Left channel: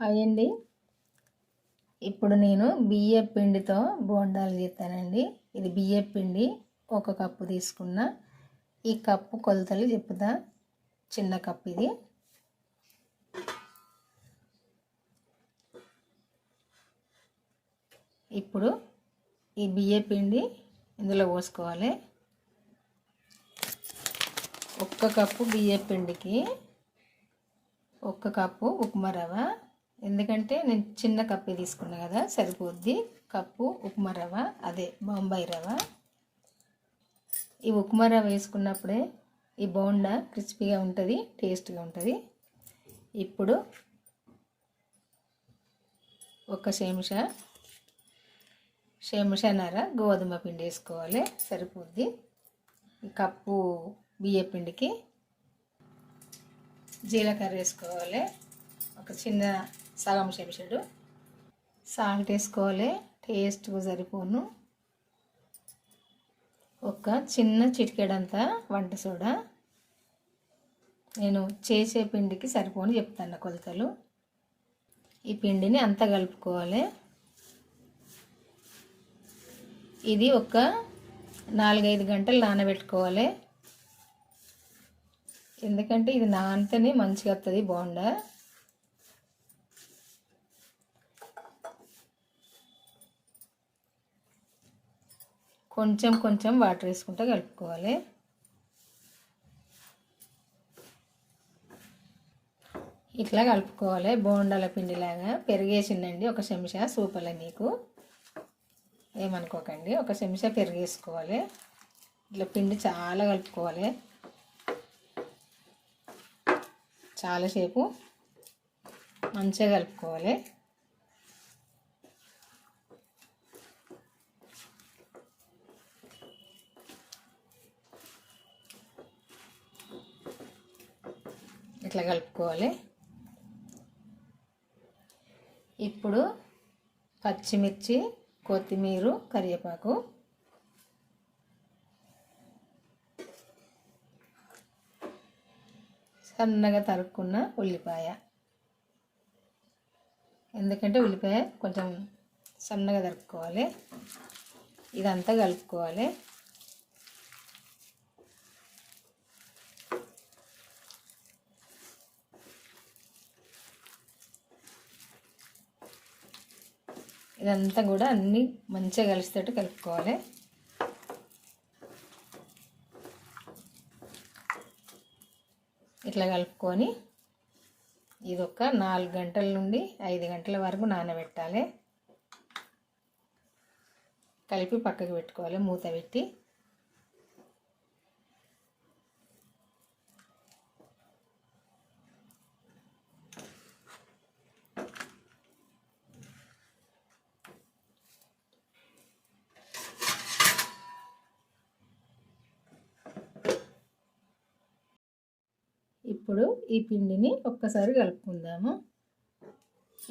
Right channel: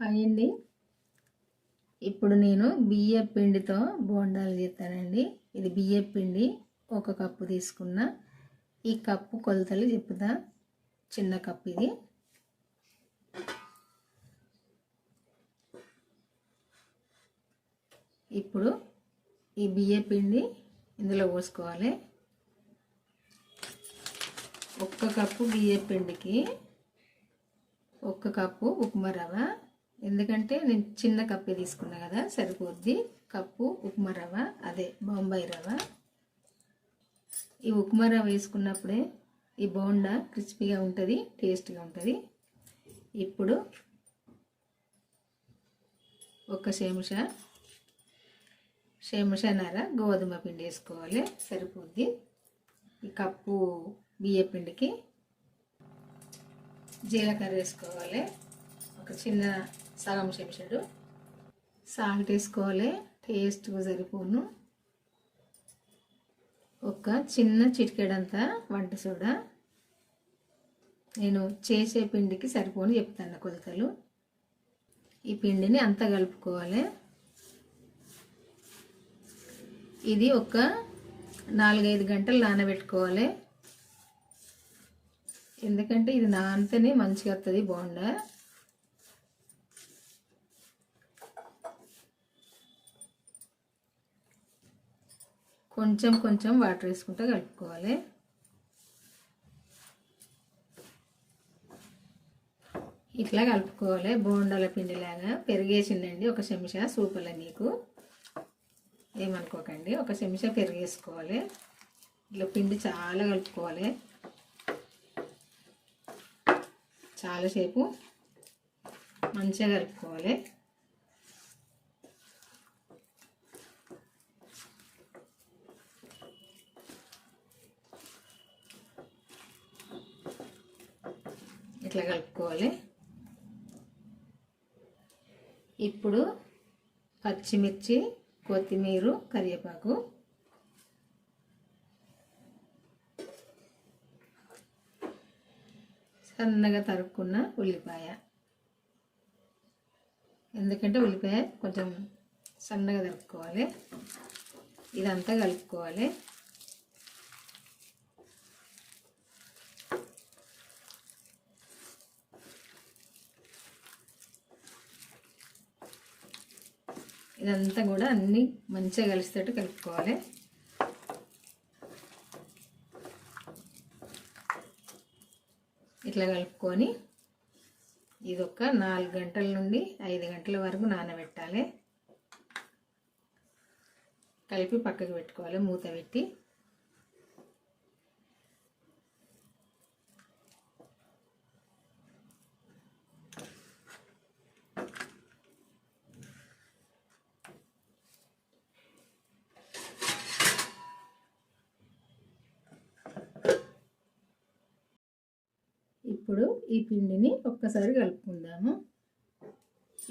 Hi అండి. ఇప్పుడు నేను బియ్యం పిండితో బోండాలు చేస్తానండి. ఇది బియ్యం పిండి 1 కప్పు తీసుకున్న. ఈ కప్పు కొలతలు చెప్తా. చిన్న కప్పు ఇది. ఇప్పుడు ఈ బియ్యం పిండి ఇందులో పోసుకోవాలి. 1 కప్పు బియ్యం పిండికి 1 కప్పు ఉప్మా రవ్వ. ఎందుకంటే నేను చిన్న కప్పు తీసుకున్నా కదా, సరిపోద్ది. కప్పు ఉప్మా రవ్వ, అదే బొంబాయి రవ్వ. ఈ ఉప్మా రవ్వ వేసుకున్నప్పుడే ఈ బోండా క్రిస్పీగా ఉంటుంది, టేస్ట్గా ఉంటుంది. ఇప్పుడు 1 చెంచాన్నర గోధుమ పిండి వేసుకోవాలి, సరిపోద్ది. ఈ కప్పు బియ్యం పిండికి జీలకర్ర వేసుకోవాలి, ఒక చిన్న సగం చెంచాడు. సాల్ట్ వేసుకోవాలి, టేస్ట్గా సరిపోను. ఒక చిన్న చిటికెడంతా వంట సోడా. నేను చేసే పిండికి సరిపోను చెప్తాను కొలతలు. ఈ పిండిని అంతా కలుపుకోవాలి. ఇది ఒక 4-5 గంటలు నానబెట్టుకోవాలి. ఎందుకంటే ఇది నానితేనే మంచిగా వస్తుంది బోండా. కొంచెం కొంచెం వాటర్ వేసుకుంటూ కలుపుకోవాలి. ఇట్లా కలుపుకోవాలి బోండాల పిండిలాగా. పెరిగేసిందండి 1 చెంచా, సూపర్లే మీకు, ఏమనుకోకండి. 1 చెంచా పెరిగేసుకోవాలి. ఇట్లా పిండి చాలా కలుపుకోవాలి, చాలాసేపు మంచిగా కలుపుకోవాలి. ఇట్లా కలుపుకోవాలి. ఇప్పుడు పచ్చిమిర్చి, కొత్తిమీర, కరివేపాకు, సన్నగా తరుక్కున్న ఉల్లిపాయ. ఎందుకంటే ఉల్లిపాయ కొంచెం సన్నగా తరుక్కోవాలి. ఇదంతా కలుపుకోవాలి. ఇదంతా కూడా అన్నీ మంచిగా కలిసేటట్టు కలుపుకోవాలి. ఇట్లా కలుపుకొని ఇది ఒక 4 గంటల నుండి 5 గంటల వరకు నానబెట్టాలి. కలిపి పక్కకు పెట్టుకోవాలి, మూత పెట్టి. ఇప్పుడు ఈ పిండిని ఒక్కసారి కలుపుకుందాము.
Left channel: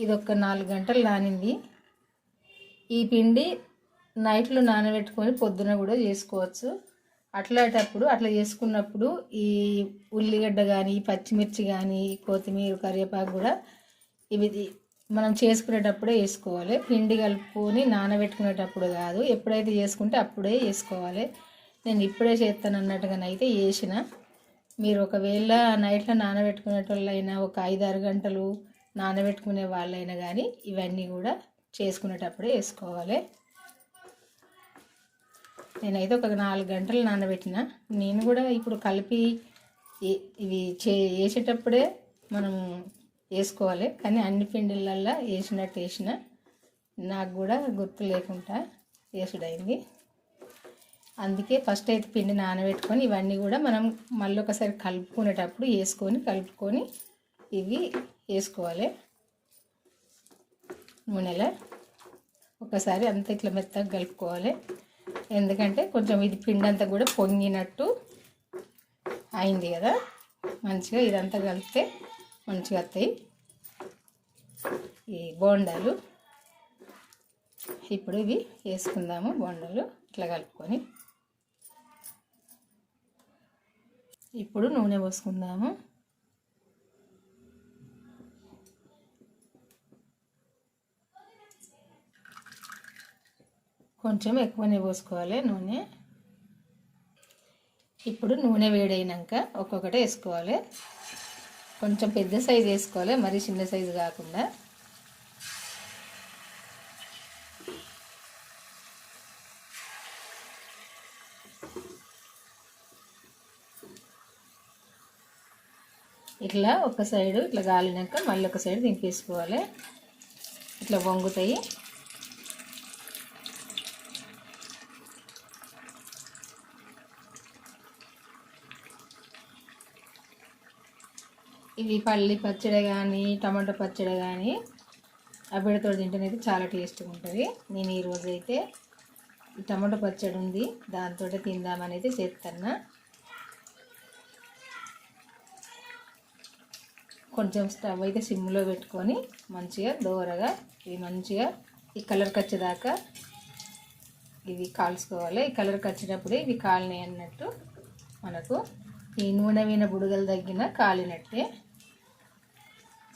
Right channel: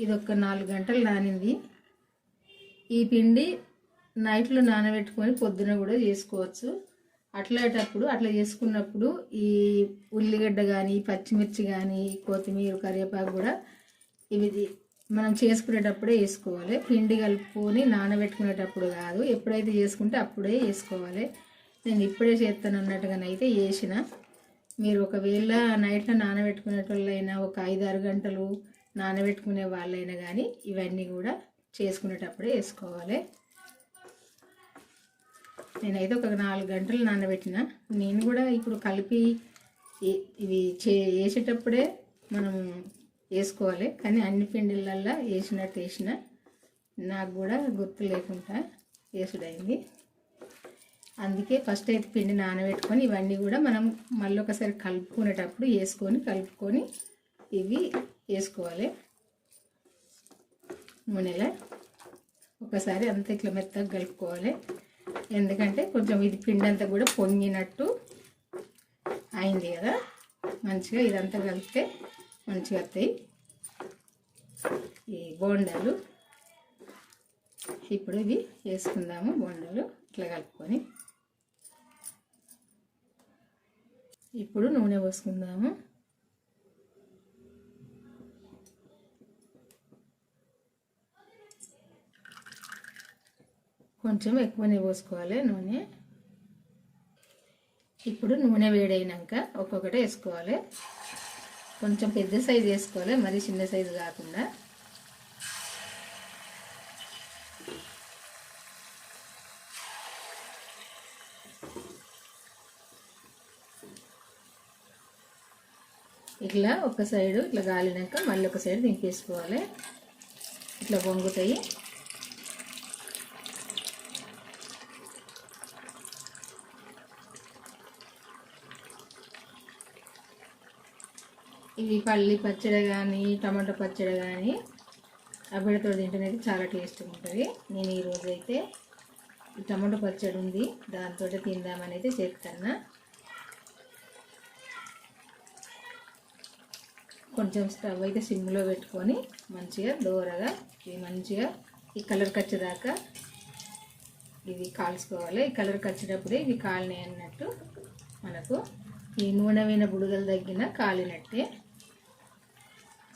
ఇది ఒక 4 గంటలు నానింది. ఈ పిండి నైట్లో నానబెట్టుకొని పొద్దున కూడా చేసుకోవచ్చు. అట్లా చేసుకున్నప్పుడు ఈ ఉల్లిగడ్డ కానీ, పచ్చిమిర్చి కానీ, కొత్తిమీర, కరివేపాకు కూడా ఇవి మనం చేసుకునేటప్పుడే వేసుకోవాలి. పిండి కలుపుకొని నానబెట్టుకునేటప్పుడు కాదు, ఎప్పుడైతే చేసుకుంటే అప్పుడే వేసుకోవాలి. నేను ఇప్పుడే చేస్తాను అన్నట్టుగానైతే వేసిన. మీరు ఒకవేళ నైట్లో నానబెట్టుకునేటోళ్ళైనా, ఒక 5-6 గంటలు నానబెట్టుకునే వాళ్ళైనా కానీ ఇవన్నీ కూడా చేసుకునేటప్పుడే వేసుకోవాలి. నేనైతే ఒక 4 గంటలు నానబెట్టిన. నేను కూడా ఇప్పుడు కలిపి ఇవి వేసేటప్పుడే మనం వేసుకోవాలి. కానీ అన్ని పిండిలల్లో వేసిన నాకు కూడా గుర్తు లేకుండా వేసుడైంది. అందుకే ఫస్ట్ అయితే పిండి నానబెట్టుకొని ఇవన్నీ కూడా మనం మళ్ళీ ఒకసారి కలుపుకునేటప్పుడు కలుపుకొని ఇవి వేసుకోవాలి. నూనెలో ఒకసారి అంతా ఇట్లా మెత్తగా కలుపుకోవాలి. ఎందుకంటే కొంచెం ఇది పిండి అంతా కూడా పొంగినట్టు అయింది కదా, మంచిగా ఇదంతా కలిపితే మంచిగా వస్తాయి ఈ బోండాలు. ఇప్పుడు ఇవి వేసుకుందాము బోండాలు ఇట్లా కలుపుకొని. ఇప్పుడు నూనె పోసుకుందాము. కొంచెం ఎక్కువనే పోసుకోవాలి నూనె. ఇప్పుడు నూనె వేడైనాక ఒక్కొక్కటి వేసుకోవాలి. కొంచెం పెద్ద సైజు వేసుకోవాలి, మరీ చిన్న సైజు కాకుండా. ఇట్లా ఒక సైడు ఇట్లా గాలినాక మళ్ళీ ఒక సైడ్ దింపేసుకోవాలి. ఇట్లా వంగుతాయి. ఇవి పల్లి పచ్చడి కానీ టమాటో పచ్చడి కానీ అబ్బడితో తింటేనైతే చాలా టేస్ట్గా ఉంటుంది. నేను ఈరోజు అయితే టమాటో పచ్చడి ఉంది, దాంతో తిందామని అయితే చేస్తాను. కొంచెం స్టవ్ అయితే సిమ్లో పెట్టుకొని మంచిగా దోరగా ఇవి మంచిగా ఈ కలర్కి వచ్చేదాకా ఇవి కాల్చుకోవాలి. ఈ కలర్కి వచ్చినప్పుడే ఇవి కాలినాయి అన్నట్టు మనకు ఈ నూనె మీద బుడగలు తగ్గిన కాలినట్టే.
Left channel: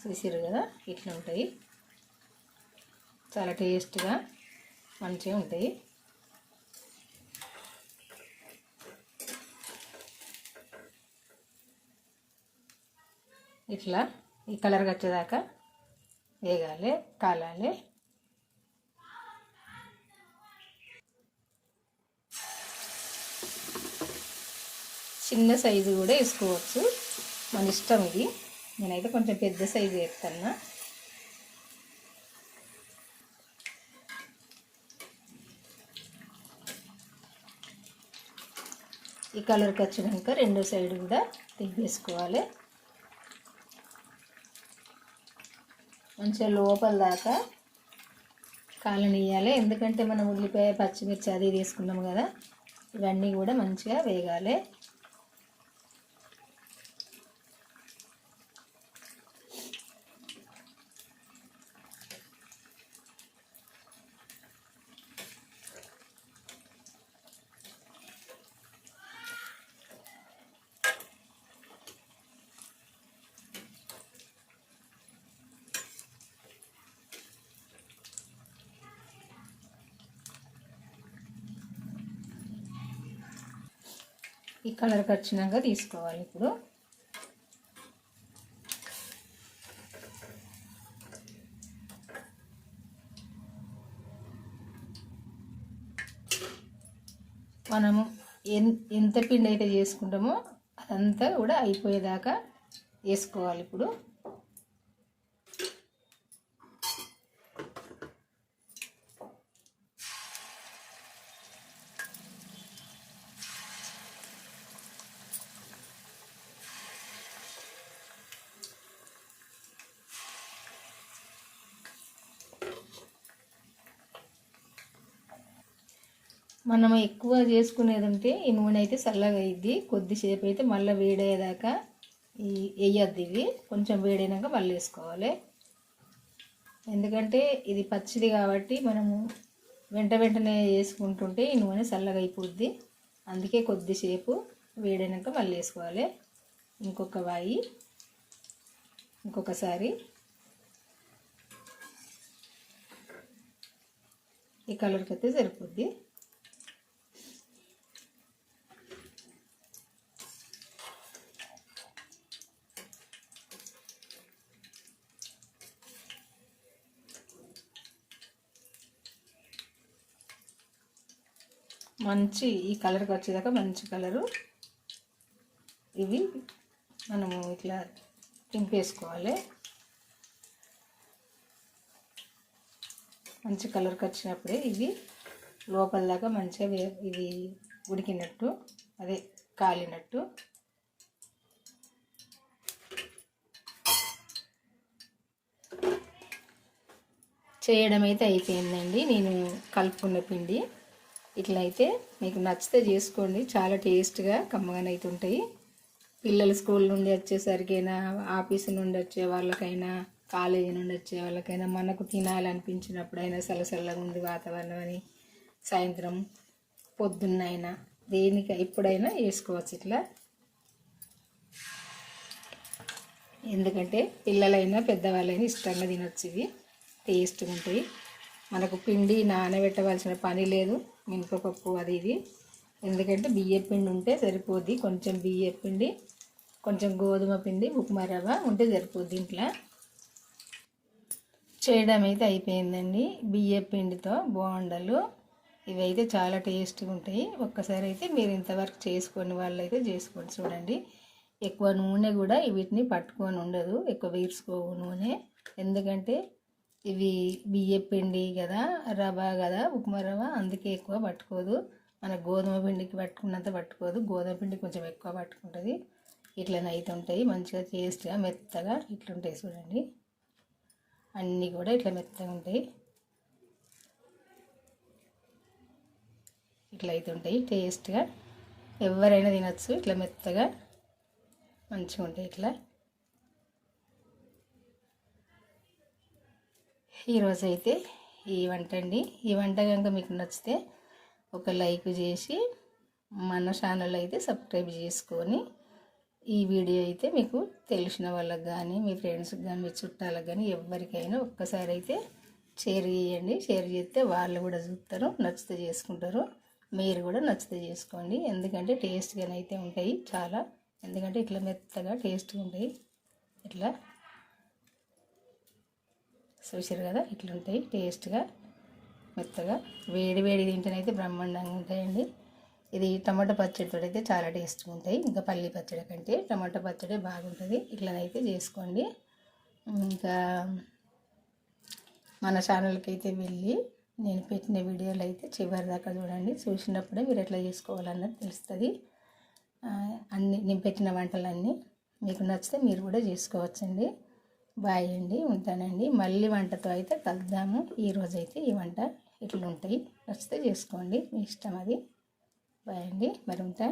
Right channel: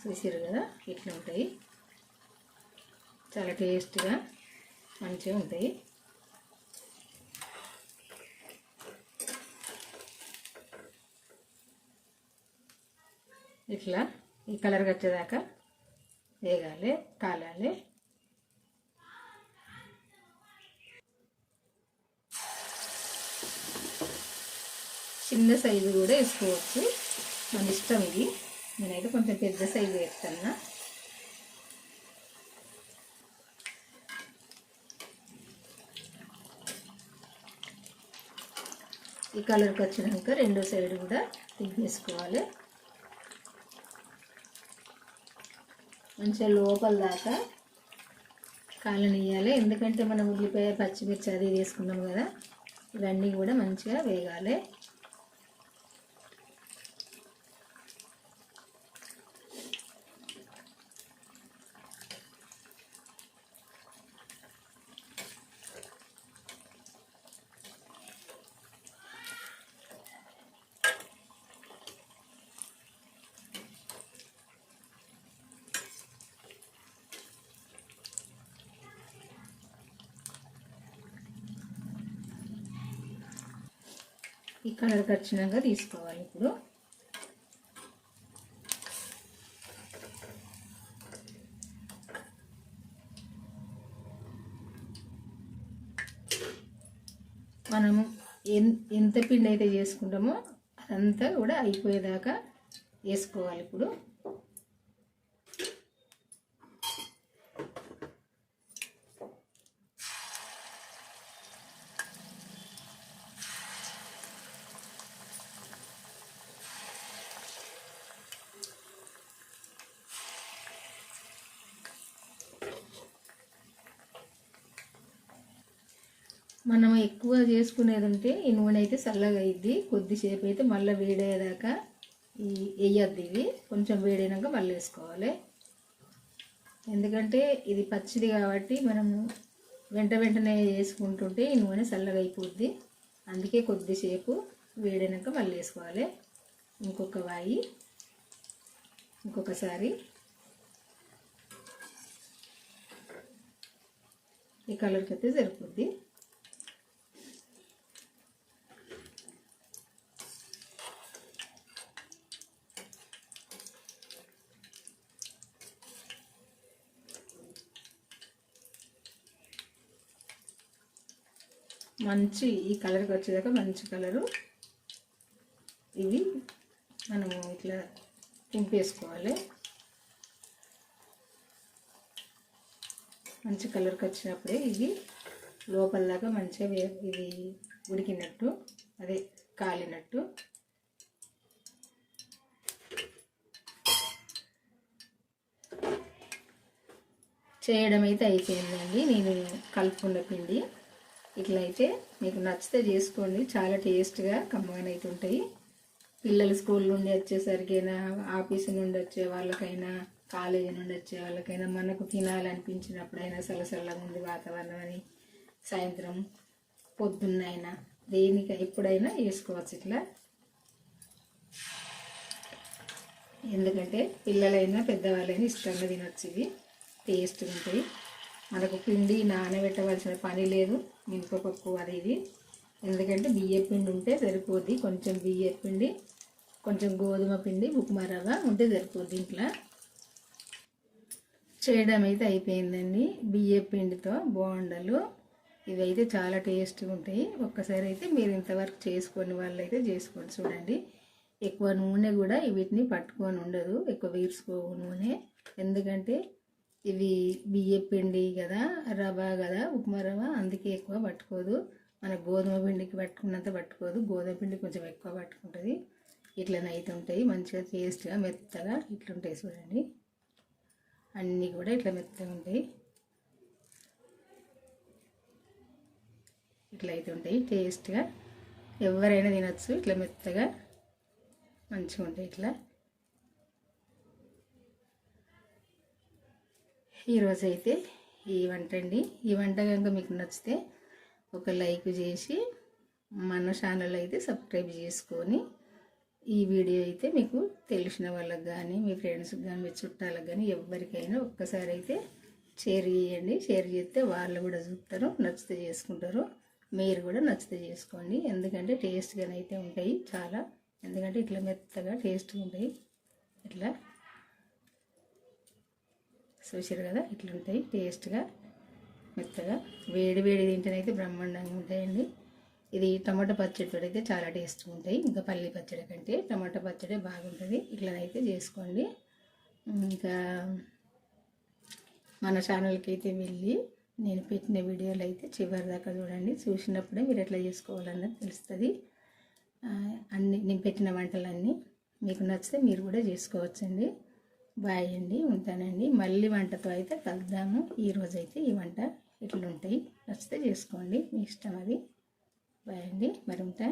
చూసారు కదా, ఇట్లా ఉంటాయి. చాలా టేస్ట్గా మంచిగా ఉంటాయి. ఇట్లా ఈ కలర్కి వచ్చేదాకా వేగాలి, కాలాలి. చిన్న సైజు కూడా వేసుకోవచ్చు, మన ఇష్టం ఇది. నేనైతే కొంచెం పెద్ద సైజు వేస్తాను. ఈ కలర్కి వచ్చినాక రెండో సైడ్ కూడా తిప్పేసుకోవాలి. మంచిగా లోపల దాకా కాలనియాలి. ఎందుకంటే మనం ఉల్లిపాయ పచ్చిమిర్చి అది తీసుకున్నాము కదా, ఇవన్నీ కూడా మంచిగా వేగాలి. ఈ కలర్కి వచ్చినాక తీసుకోవాలి. ఇప్పుడు మనం ఎంత పిండి అయితే చేసుకుంటామో అదంతా కూడా అయిపోయేదాకా వేసుకోవాలి. ఇప్పుడు మనం ఎక్కువ చేసుకునేది ఉంటే ఈ నూనె అయితే చల్లగా అయ్యిద్ది. కొద్దిసేపు అయితే మళ్ళీ వేడయ్యేదాకా వేయద్దు. ఇవి కొంచెం వేడైనాక మళ్ళీ వేసుకోవాలి. ఎందుకంటే ఇది పచ్చిది కాబట్టి మనము వెంటనే వేసుకుంటుంటే ఈ నూనె చల్లగా అయిపోద్ది. అందుకే కొద్దిసేపు వేడైనాక మళ్ళీ వేసుకోవాలి. ఇంకొకసారి ఈ కలర్కి అయితే సరిపోద్ది. మంచి ఈ కలర్కి వచ్చేదాకా మంచి కలరు ఇవి మనము ఇట్లా తింపేసుకోవాలి. మంచి కలర్కి వచ్చినప్పుడే ఇవి లోపల దాకా మంచిగా ఇవి ఉడికినట్టు, అదే కాలినట్టు. చేయడం అయితే అయిపోయిందండి. నేను కలుపుకున్న పిండి ఇట్లా అయితే మీకు నచ్చితే చేసుకోండి. చాలా టేస్ట్గా కమ్మగానే అయితే ఉంటాయి. పిల్లలు స్కూల్ నుండి వచ్చేసరికైనా, ఆఫీసు నుండి వచ్చే వాళ్ళకైనా, కాలేజీ నుండి వచ్చే వాళ్ళకైనా, మనకు తినాలనిపించినప్పుడైనా, చల్లగా ఉంది వాతావరణం అని సాయంత్రం పొద్దున్నైనా దేనికి ఎప్పుడైనా వేసుకోవచ్చు ఇట్లా. ఎందుకంటే పిల్లలైనా పెద్దవాళ్ళైనా ఇష్టంగా తినొచ్చు. ఇవి టేస్ట్గా ఉంటాయి. మనకు పిండి నానబెట్టవలసిన పని లేదు, మినపప్పు అది ఇది. ఎందుకంటే బియ్య పిండి ఉంటే సరిపోద్ది. కొంచెం బియ్య పిండి, కొంచెం గోధుమ పిండి, ఉప్మా రవ్వ ఉంటే సరిపోద్ది. ఇంట్లో చేయడం అయితే అయిపోయిందండి. బియ్య పిండితో బోండాలు ఇవైతే చాలా టేస్ట్గా ఉంటాయి. ఒక్కసారి అయితే మీరు ఇంతవరకు చేసుకొని వాళ్ళైతే చేసుకోండి. చూడండి, ఎక్కువ నూనె కూడా వీటిని పట్టుకొని ఉండదు, ఎక్కువ వీర్చుకోవు నూనె. ఎందుకంటే ఇవి బియ్య పిండి కదా, రవ్వ కదా, ఉప్మా రవ్వ, అందుకే ఎక్కువ పట్టుకోదు. మన గోధుమ పిండికి పట్టుకున్నంత పట్టుకోదు. గోధుమ పిండి కొంచెం ఎక్కువ పట్టుకుంటుంది. ఇట్లనైతే ఉంటాయి మంచిగా టేస్ట్గా మెత్తగా ఇట్లుంటాయి. చూడండి, అన్నీ కూడా ఇట్లా మెత్తగా ఉంటాయి. ఇట్లా అయితే ఉంటాయి టేస్ట్గా. ఎవరైనా తినచ్చు. ఇట్లా మెత్తగా మంచిగా ఉంటాయి. ఇట్లా ఈరోజు అయితే ఈ వంట అండి. ఈ వంట కనుక మీకు నచ్చితే ఒక లైక్ చేసి మన ఛానల్ అయితే సబ్స్క్రైబ్ చేసుకొని, ఈ వీడియో అయితే మీకు తెలిసిన వాళ్ళకి కానీ, మీ ఫ్రెండ్స్కి కానీ, మీ చుట్టాలకు కానీ ఎవరికైనా ఒక్కసారి అయితే షేర్ చేయండి. షేర్ చేస్తే వాళ్ళు కూడా చూస్తారు, నచ్చితే చేసుకుంటారు. మీరు కూడా నచ్చితే చేసుకోండి. ఎందుకంటే టేస్ట్గానైతే ఉంటాయి చాలా. ఎందుకంటే ఇట్లా మెత్తగా టేస్ట్గా ఉంటాయి. ఇట్లా చూసారు కదా, ఇట్లుంటాయి టేస్ట్గా మెత్తగా. వేడి వేడి తింటేనైతే బ్రహ్మాండంగా ఉంటాయండి. ఇది టమాటా పచ్చడితో అయితే చాలా టేస్ట్గా ఉంటాయి. ఇంకా పల్లి పచ్చడి కంటే టమాటా పచ్చడి బాగుంటుంది. ఇట్లనైతే చేసుకోండి. ఇంకా మన ఛానల్కి అయితే వెళ్ళి నేను పెట్టిన వీడియోలు అయితే చివరి దాకా చూడండి. చూసినప్పుడే మీరు ఎట్లా చేసుకోవాలన్నది తెలుస్తుంది. నేను పెట్టిన వంటలన్నీ మీకు నచ్చితే మీరు కూడా చేసుకోవచ్చండి. బాయ్ అండి, ఉంటానండి. మళ్ళీ వంటతో అయితే కలుద్దాము. ఈరోజైతే ఈ వంట ఇట్లుంటాయి. నచ్చితే చేసుకోండి, మీ ఇష్టం అది. బాయ్ అండి, మరి ఉంటా.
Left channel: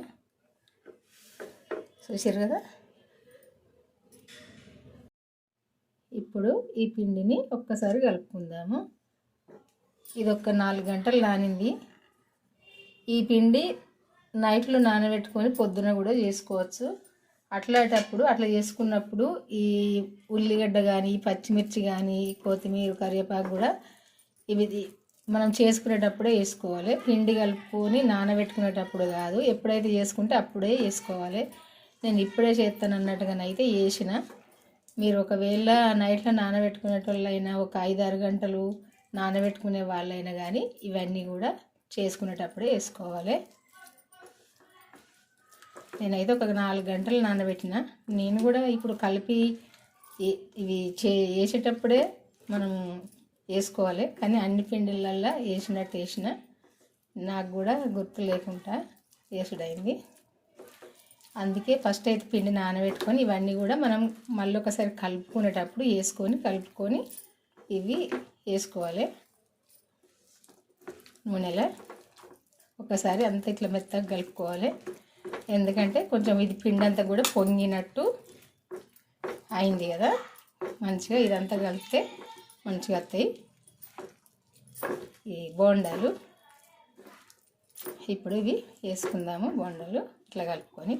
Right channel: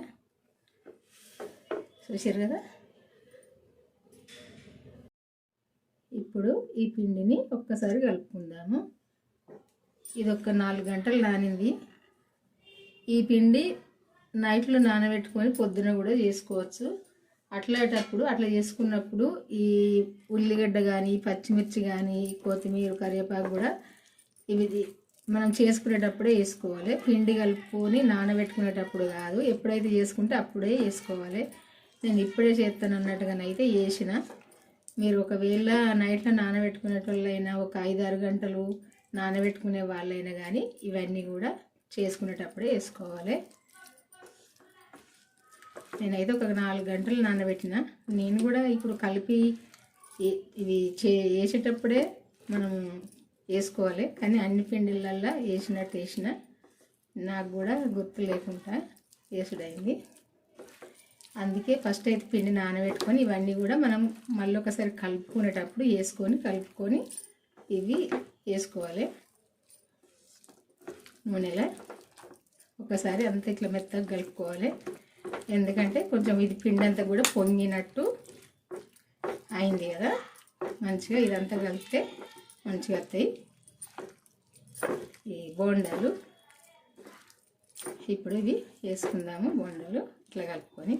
చూసారు కదా, ఇప్పుడు ఈ పిండిని ఒక్కసారి కలుపుకుందాము. ఇది ఒక 4 గంటలు నానింది. ఈ పిండి నైట్లో నానబెట్టుకొని పొద్దున కూడా చేసుకోవచ్చు. అట్లాంటప్పుడు అట్లా చేసుకున్నప్పుడు ఈ ఉల్లిగడ్డ కానీ, పచ్చిమిర్చి కానీ, కొత్తిమీర, కరివేపాకు కూడా ఇవి మనం చేసుకునేటప్పుడే వేసుకోవాలి. పిండి కలుపుకొని నానబెట్టుకునేటప్పుడు కాదు, ఎప్పుడైతే చేసుకుంటే అప్పుడే వేసుకోవాలి. నేను ఇప్పుడే చేస్తాను అన్నట్టుగానైతే వేసిన. మీరు ఒకవేళ నైట్లో నానబెట్టుకునేటోళ్ళైనా, ఒక 5-6 గంటలు నానబెట్టుకునే వాళ్ళైనా కానీ ఇవన్నీ కూడా చేసుకునేటప్పుడే వేసుకోవాలి. నేనైతే ఒక 4 గంటలు నానబెట్టిన. నేను కూడా ఇప్పుడు కలిపి ఇవి వేసేటప్పుడే మనం వేసుకోవాలి. కానీ అన్ని పిండిలల్లో వేసినట్టు వేసిన, నాకు కూడా గుర్తు లేకుండా వేసుడైంది. అందుకే ఫస్ట్ అయితే పిండి నానబెట్టుకొని ఇవన్నీ కూడా మనం మళ్ళీ ఒకసారి కలుపుకునేటప్పుడు కలుపుకొని ఇవి వేసుకోవాలి. నూనెలో ఒకసారి అంతా ఇట్లా మెత్తగా కలుపుకోవాలి. ఎందుకంటే కొంచెం ఇది పిండి అంతా కూడా పొంగినట్టు అయింది కదా, మంచిగా ఇదంతా కలిపితే మంచిగా వస్తాయి ఈ బోండాలు. ఇప్పుడు ఇవి వేసుకుందాము. బోండాలు ఇట్లా కలుపుకొని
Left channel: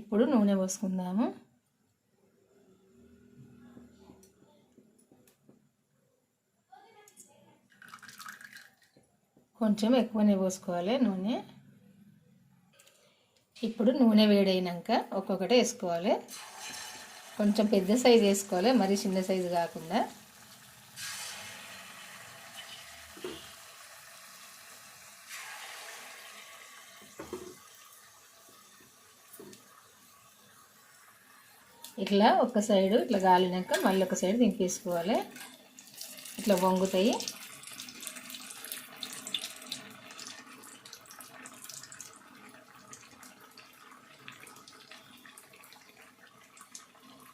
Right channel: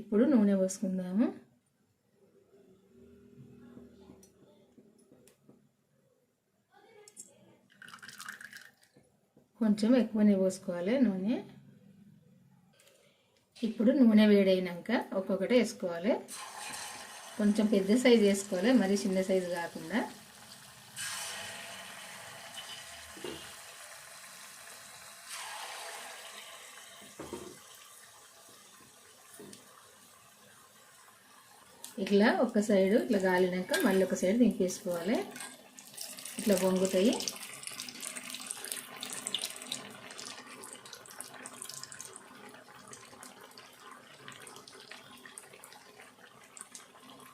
ఇప్పుడు నూనె పోసుకుందాము. కొంచెం ఎక్కువనే పోసుకోవాలి నూనె. ఇప్పుడు నూనె వేడైనాక ఒక్కొక్కటి వేసుకోవాలి. కొంచెం పెద్ద సైజు వేసుకోవాలి, మరీ చిన్న సైజు కాకుండా. ఇట్లా ఒక సైడు ఇట్లా గాలినాక మళ్ళీ ఒక సైడు దింపేసుకోవాలి. ఇట్లా వంగుతాయి.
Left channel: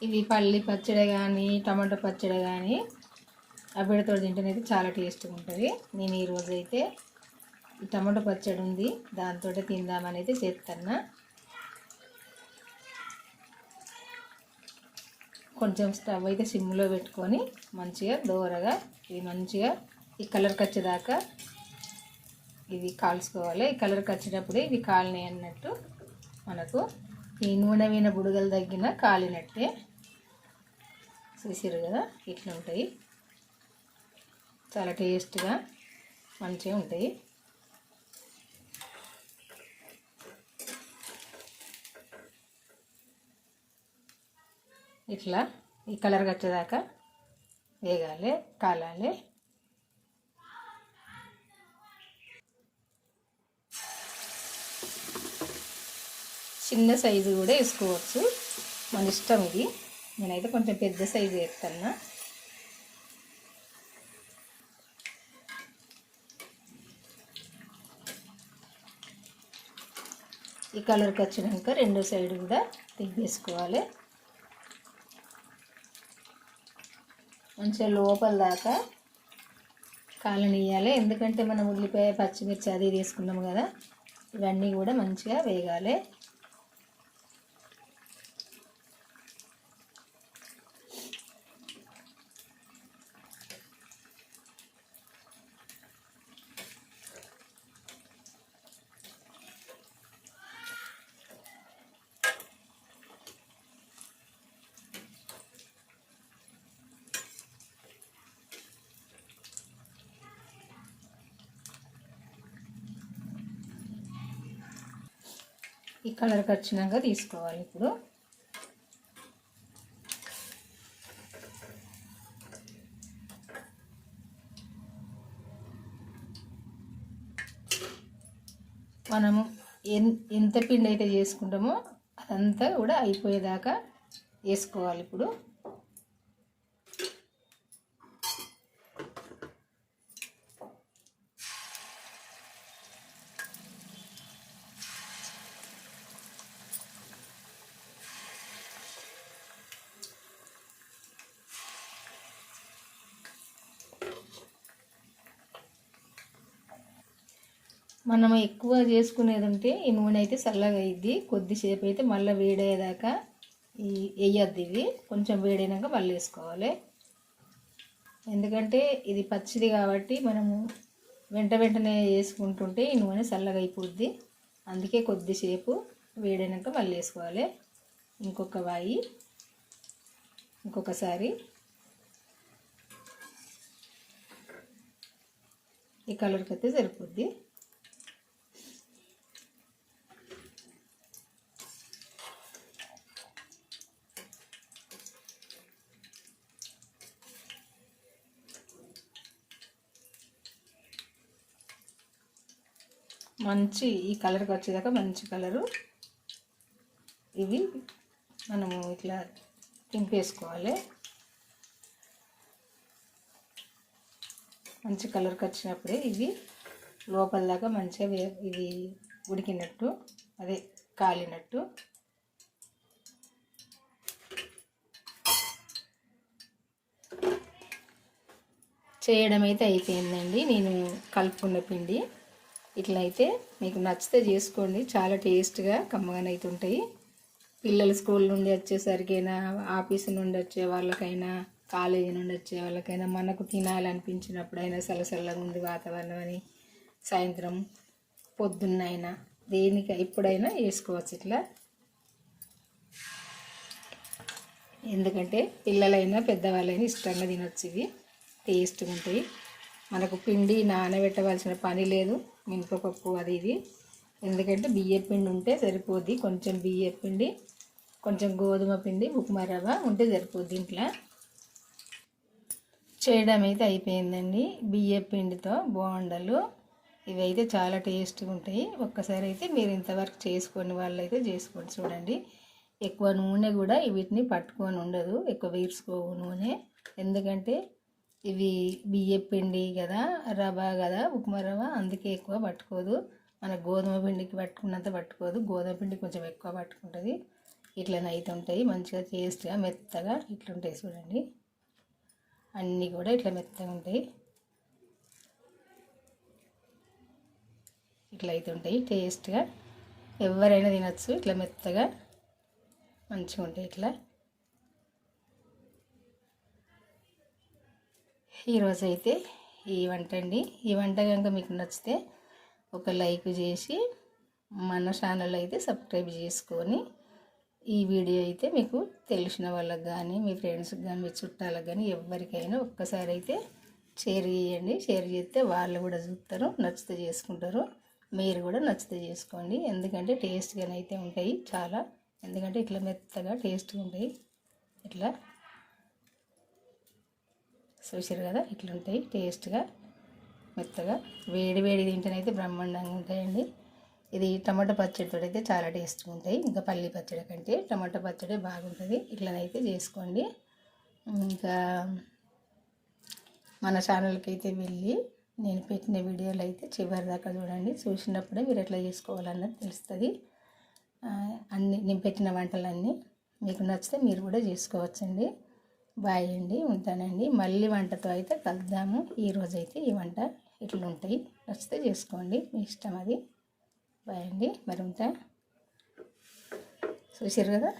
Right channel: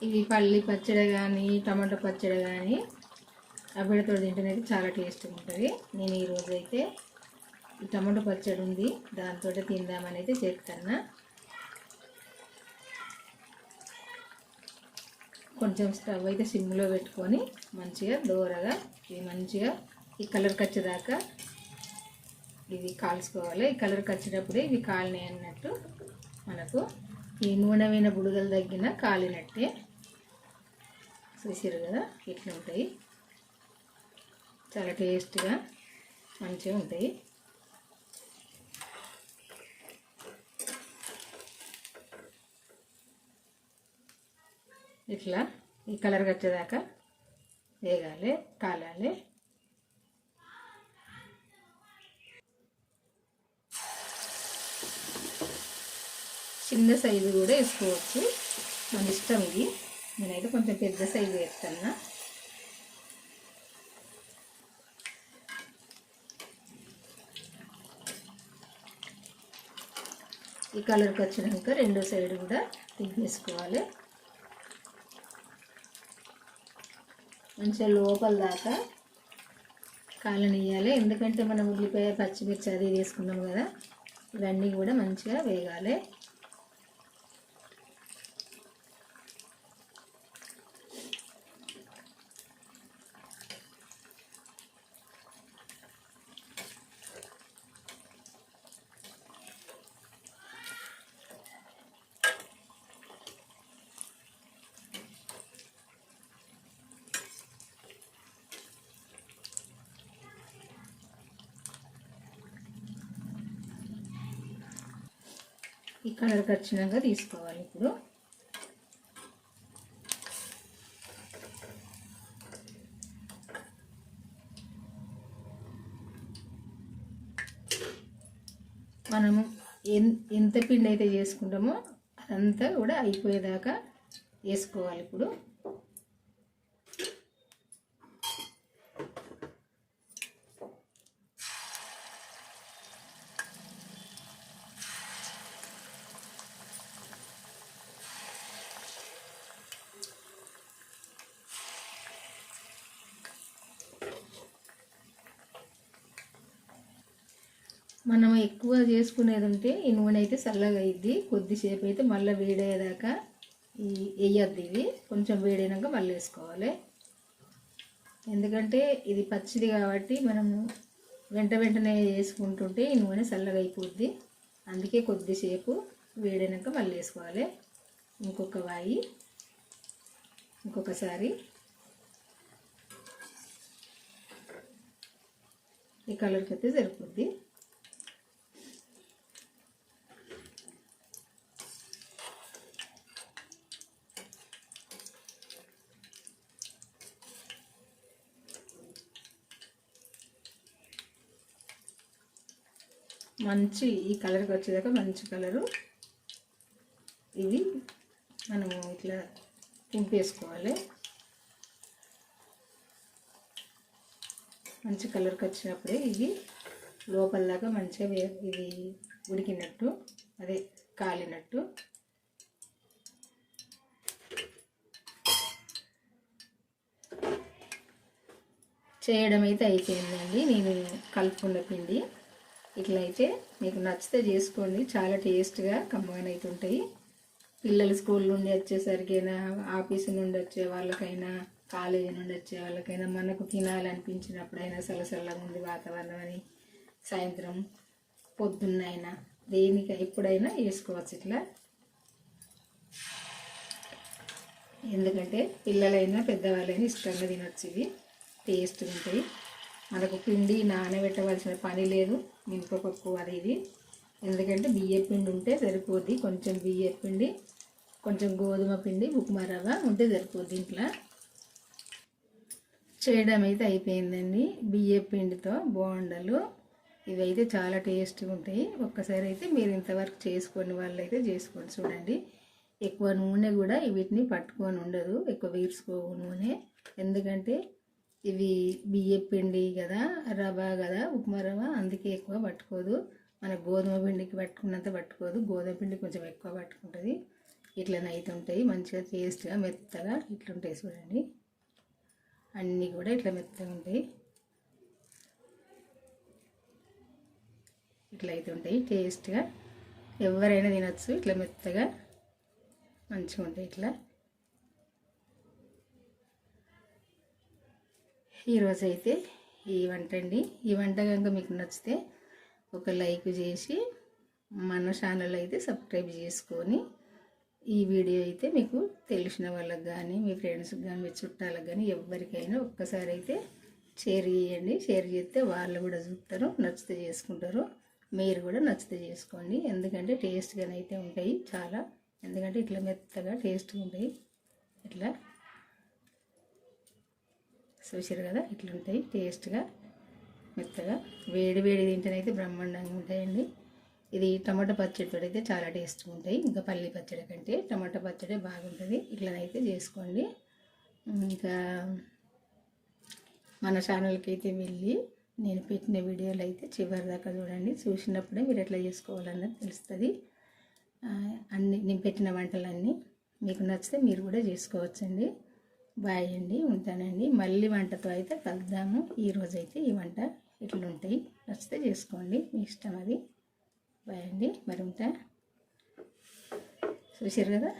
ఇవి పల్లి పచ్చడి కానీ, టమాటో పచ్చడి కానీ అవిడితో తింటేనైతే చాలా టేస్ట్గా ఉంటుంది. నేను ఈరోజు అయితే టమాటో పచ్చడి ఉంది, దాంతో తిందామని అయితే చేస్తాను. కొంచెం స్టవ్ అయితే సిమ్లో పెట్టుకొని మంచిగా దూరగా ఇవి మంచిగా ఈ కలర్కి వచ్చేదాకా ఇవి కాల్చుకోవాలి. ఈ కలర్కి వచ్చినప్పుడే ఇవి కాలినాయి అన్నట్టు, మనకు ఈ నూనె మీద బుడగలు తగ్గిన కాలినట్టే. చూసారు కదా ఇట్లా ఉంటాయి, చాలా టేస్ట్గా మంచిగా ఉంటాయి. ఇట్లా ఈ కలర్ వచ్చేదాకా వేగాలి, కాలాలి. చిన్న సైజు కూడా వేసుకోవచ్చు, మన ఇష్టం ఇది. నేనైతే కొంచెం పెద్ద సైజు వేస్తాను. ఈ కలర్కి వచ్చినాక రెండో సైడ్ కూడా తిప్పేసుకోవాలి. మంచిగా లోపల దాకా కాలనియాలి, ఎందుకంటే మనం ఉల్లిపాయ పచ్చిమిర్చి అది వేసుకున్నాం కదా, ఇవన్నీ కూడా మంచిగా వేగాలి. ఈ కలర్కి వచ్చినాక తీసుకోవాలి. ఇప్పుడు మనం ఎంత పిండి అయితే చేసుకుంటామో అదంతా కూడా అయిపోయేదాకా వేసుకోవాలి. ఇప్పుడు మనం ఎక్కువ చేసుకునేది ఉంటే ఈ నూనె అయితే చల్లగా అయ్యిద్ది. కొద్దిసేపు అయితే మళ్ళీ వేడయ్యేదాకా వేయద్దు. ఇది కొంచెం వేడైనాక మళ్ళీ వేసుకోవాలి, ఎందుకంటే ఇది పచ్చిది కాబట్టి మనము వెంటనే వేసుకుంటుంటే ఈ నూనె చల్లగా అయిపోద్ది. అందుకే కొద్దిసేపు వేడైనాక మళ్ళీ వేసుకోవాలి. ఇంకొక వాయి ఇంకొకసారి ఈ కలర్కి అయితే సరిపోద్ది. మంచి ఈ కలర్కి వచ్చేదాకా మంచి కలరు ఇవి మనము ఇట్లా తింపేసుకోవాలి. మంచి కలర్కి వచ్చినప్పుడే ఇవి లోపల దాకా మంచిగా ఇది ఉడికినట్టు, అదే కాలినట్టు. చేయడం అయితే అయిపోయిందండి. నేను కలుపుకున్న పిండి ఇట్లా అయితే మీకు నచ్చితే చేసుకోండి, చాలా టేస్ట్గా కమ్మగానైతే ఉంటాయి. పిల్లలు స్కూల్ నుండి వచ్చేసరికైనా, ఆఫీసు నుండి వచ్చే వాళ్ళకైనా, కాలేజీ నుండి వచ్చే వాళ్ళకైనా, మనకు తినాలనిపించినప్పుడైనా, చల్లగా ఉంది వాతావరణం అని సాయంత్రం పొద్దున్నైనా దేనికి ఎప్పుడైనా వేసుకోవచ్చు ఇట్లా. ఎందుకంటే పిల్లలైనా పెద్దవాళ్ళైనా ఇష్టంగా తినొచ్చు. ఇవి టేస్ట్గా ఉంటాయి. మనకు పిండి నానబెట్టవలసిన పని లేదు, మినపప్పు అది ఇది. ఎందుకంటే బియ్య పిండి ఉంటే సరిపోద్ది. కొంచెం బియ్య పిండి, కొంచెం గోధుమ పిండి, ఉప్మా రవ్వ ఉంటే సరిపోద్ది. ఇంట్లో చేయడం అయితే అయిపోయిందండి. బియ్య పిండితో బోండలు ఇవైతే చాలా టేస్ట్గా ఉంటాయి. ఒక్కసారి అయితే మీరు ఇంతవరకు చేసుకొని వాళ్ళైతే చేసుకోండి. చూడండి, ఎక్కువ నూనె కూడా వీటిని పట్టుకొని ఉండదు, ఎక్కువ వీర్చుకోవు నూనె. ఎందుకంటే ఇవి బియ్య పిండి కదా, రవ్వ కదా, ఉప్మా రవ్వ, అందుకే ఎక్కువ పట్టుకోదు. మన గోధుమ పిండికి పట్టుకున్నంత పట్టుకోదు, గోధుమ పిండి కొంచెం ఎక్కువ పట్టుకుంటుంది. ఇట్లనైతే ఉంటాయి మంచిగా టేస్ట్గా మెత్తగా ఇట్లుంటాయి. చూడండి, అన్నీ కూడా ఇట్లా మెత్తగా ఉంటాయి. ఇట్లా అయితే ఉంటాయి టేస్ట్గా, ఎవరైనా తినచ్చు. ఇట్లా మెత్తగా మంచిగా ఉంటాయి. ఇట్లా ఈరోజు అయితే ఈ వంట అండి. ఈ వంట కనుక మీకు నచ్చితే ఒక లైక్ చేసి మన ఛానల్ అయితే సబ్స్క్రైబ్ చేసుకొని ఈ వీడియో అయితే మీకు తెలిసిన వాళ్ళకి కానీ మీ ఫ్రెండ్స్కి కానీ మీ చుట్టాలకు కానీ ఎవరికైనా ఒక్కసారి అయితే షేర్ చేయండి. షేర్ చేస్తే వాళ్ళు కూడా చూస్తారు, నచ్చితే చేసుకుంటారు. మీరు కూడా నచ్చితే చేసుకోండి. ఎందుకంటే టేస్ట్గానే అయితే ఉంటాయి చాలా. ఎందుకంటే ఇట్లా మెత్తగా టేస్ట్గా ఉంటాయి. ఇట్లా చూసారు కదా, ఇట్లా ఉంటాయి టేస్ట్గా మెత్తగా. వేడి వేడి తింటేనైతే బ్రహ్మాండంగా ఉంటాయండి. ఇది టమాటా పచ్చడితో అయితే చాలా టేస్ట్గా ఉంటాయి. ఇంకా పల్లి పచ్చడి కంటే టమాటా పచ్చడి బాగుంటుంది. ఇట్లనైతే చేసుకోండి. ఇంకా మన ఛానల్కి అయితే వెళ్ళి నేను పెట్టిన వీడియోలు అయితే చివరి దాకా చూడండి. చూసినప్పుడే మీరు ఎట్లా చేసుకోవాలన్నది తెలుస్తుంది. అన్నీ నేను పెట్టిన వంటలన్నీ మీకు నచ్చితే మీరు కూడా చేసుకోవచ్చండి. బాయ్ అండి, ఉంటానండి. మళ్ళీ వంటతో అయితే కలుద్దాము. ఈరోజైతే ఈ వంట ఇట్లా ఉంటాయి. నచ్చితే చేసుకోండి, మీ ఇష్టం అది. బాయ్ అండి, మరి ఉంటా. చూసారు కదా.